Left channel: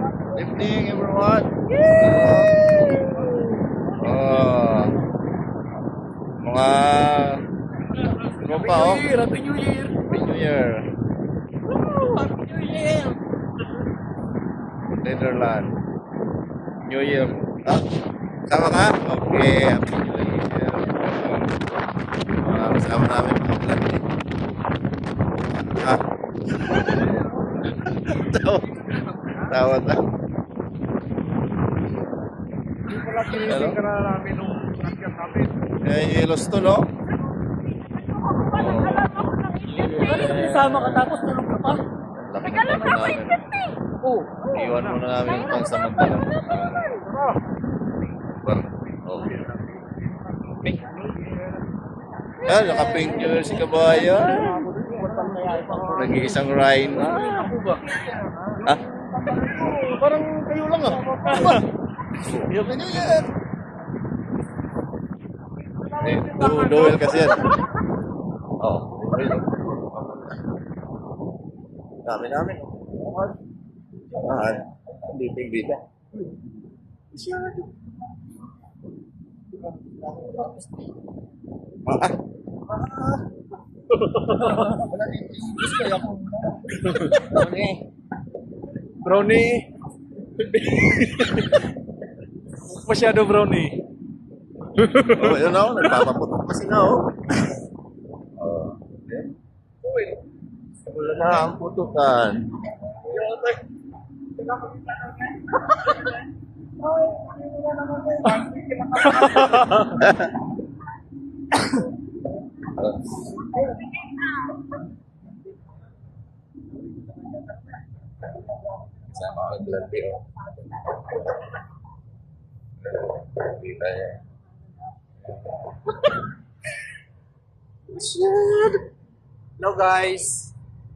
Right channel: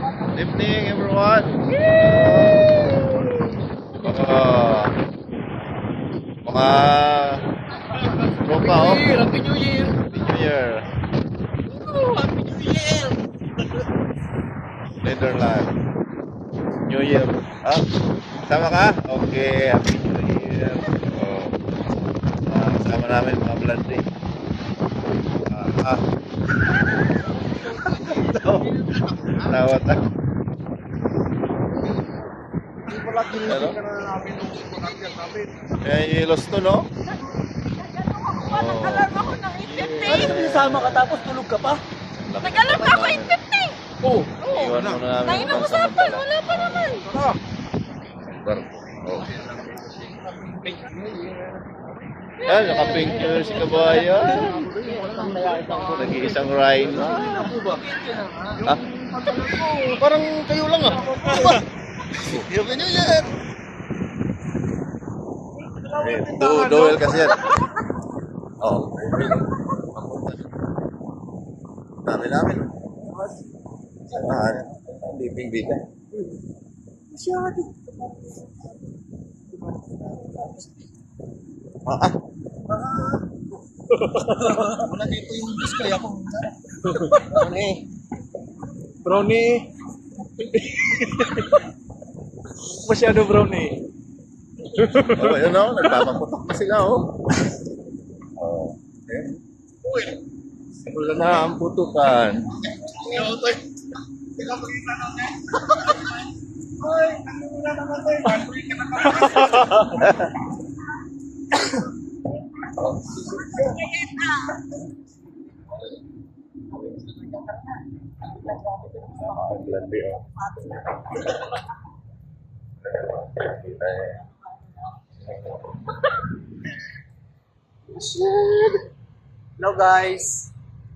Good evening, everyone. Oh, mga tropa, oh. Happy New Year! Happy New Year. Happy New Year! Netherlands. New Year. Ah, sama ka? Okay, Happy New Year. Kasama namin mga blandi. Tawat na. Ano? Yan yung Yellowstone, no? Oh. Ano kung nasama ka tapos tulog ka pa? Laki ng mata namin. Oo. Iwan muna namin yung pansamantala. Tara! Barko. Oh. Yan, naka-pink color si Kabayan. Nag-iisang rhino. Ah? Parang kayo lang ah. Happy New Year! Eh, duel kasi yan. Oo. Dami namin. Samahan. Liping dito. Masyado. Ah. Wala dito yung English kaya ako. Brownie. Brownie. Masyado brownie. Oh, yun o. Nagpapaputok pa sila o. Oh. Simula na ang putukan. Sama ang landi o. Kita niya. Hello guys.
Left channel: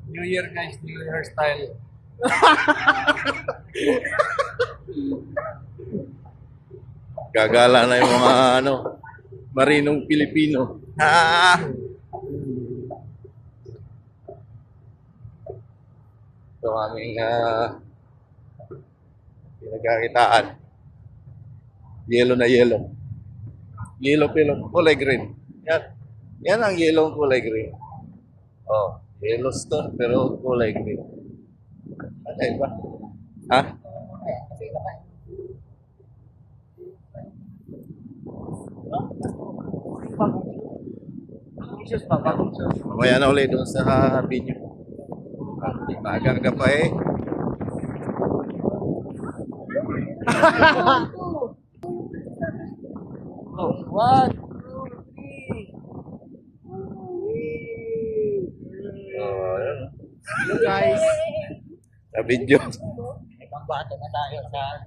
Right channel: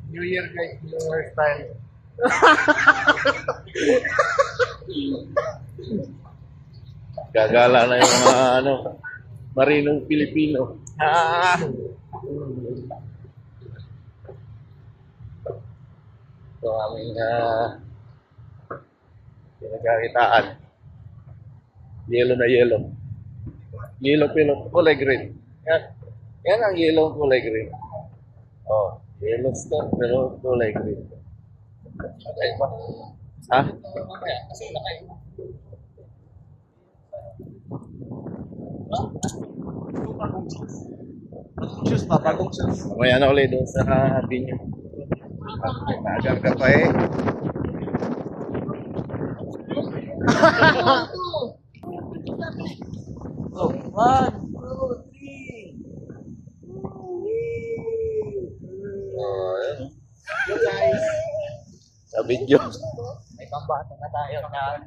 New Year guys, New Year style. Gagala na yung mga marinong Pilipino. Ah! Ito aming pinagkakitaan. Yellow na yellow. Yellow pillow, kulay green. Yan. Yan ang yellow kulay green. Oh, Yellowstone pero kulay green. Ano ba? Ha? Kasi nakay. Bagong shoes pa, bagong shoes. Mamaya na ulit doon sa atin nyo. Maagang ka pa eh. Oh, 1, 2, 3. Oh, ayun. Hello guys. Sa video. May pambato na tayo sa